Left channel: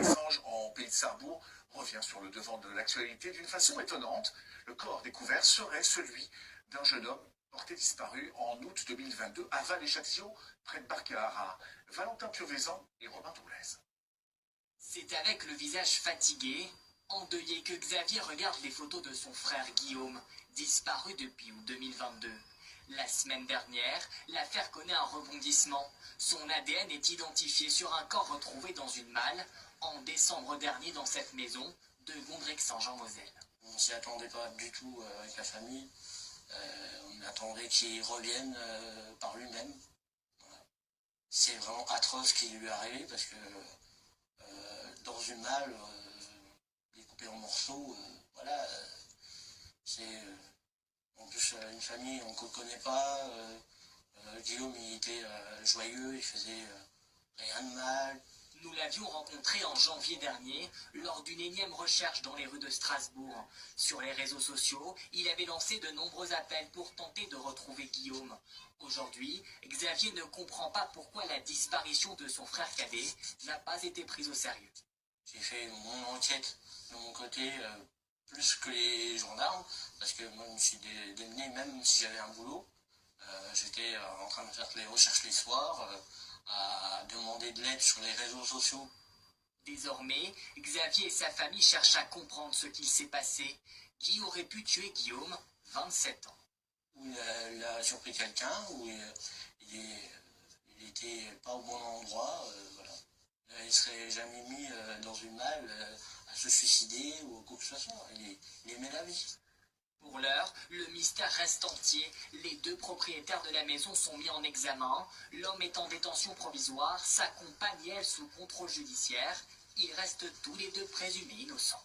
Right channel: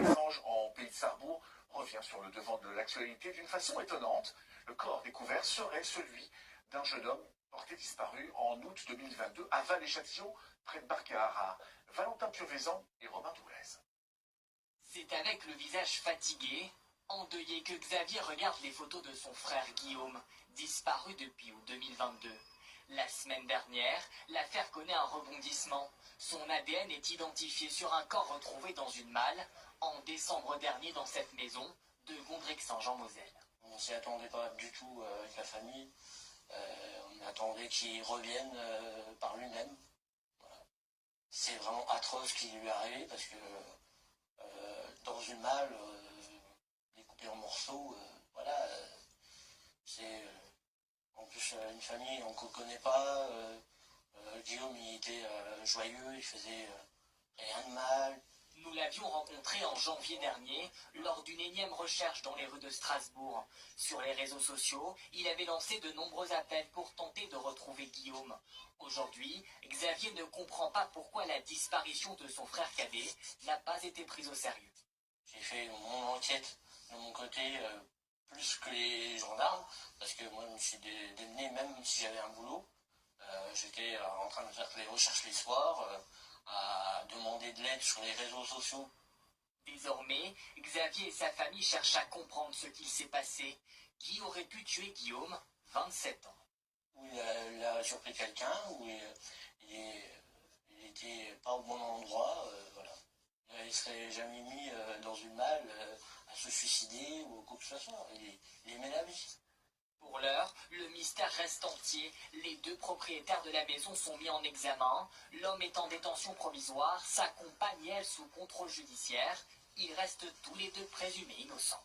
Assange en pays de Sarrebourg revient sur le devant de l'actualité d'une façon étonnante. Le corps découvert serait celui d'un jeune homme porté disparu en août 2022 à Val-et-Châtillon, près de Barcahara. Valentin Piovesan et Robin Doulez. C'est avec le visage fatigué, endeuillé, que Xavier regarde les photos de son frère Guillaume, disparu depuis août 2022. La semaine dernière, l'affaire connaît un rebondissement. Son ADN est identifié sur un corps retrouvé dans une malle en décembre dernier dans cette maison de Gondrexen-Jean-Moselle. On s'y attendait pas du tout avec la famille. On attendait qu'il revienne par lui-même. Voilà. C'est vraiment atroce ce qui lui est arrivé parce que dans une malle, découpée en morceaux, voilà, c'est en plus une famille qu'on ne connaît pas. Guillaume, il était joyeux, il faisait rien de mal. Nous l'avions rencontré en janvier dernier lors d'une énième recherche dans les rues de Strasbourg. Sur les réseaux sociaux, il avait lancé de nombreux appels pour tenter de retrouver Guillaume. Aujourd'hui, Xavier ne comprend pas pourquoi la disparition de son frère cadet n'a pas été prise au sérieux. J'ai fait mon enquête de mon côté plus que les gendarmes, parce que moi je me suis démené même si j'avais un boulot. J'étais en train de faire les recherches les soirs, à demander de l'aide sur les réseaux sociaux. Désormais, Xavier et sa famille cherchent à comprendre ce qu'il s'est passé. Qui aurait pu tuer Guillaume, 27 ans? Où il a surpris quelqu'un, où il était pas au bon endroit, voilà. Il serait jamais mis dans une malle à se suicider ou quoi que ce soit. Il aimait la vie. Pour l'heure, le mystère reste entier. Les deux propriétaires de la maison sont mis en examen. L'homme est en détention provisoire, sa compagne, elle, sous contrôle judiciaire. Ils restent tous les deux présumés innocents.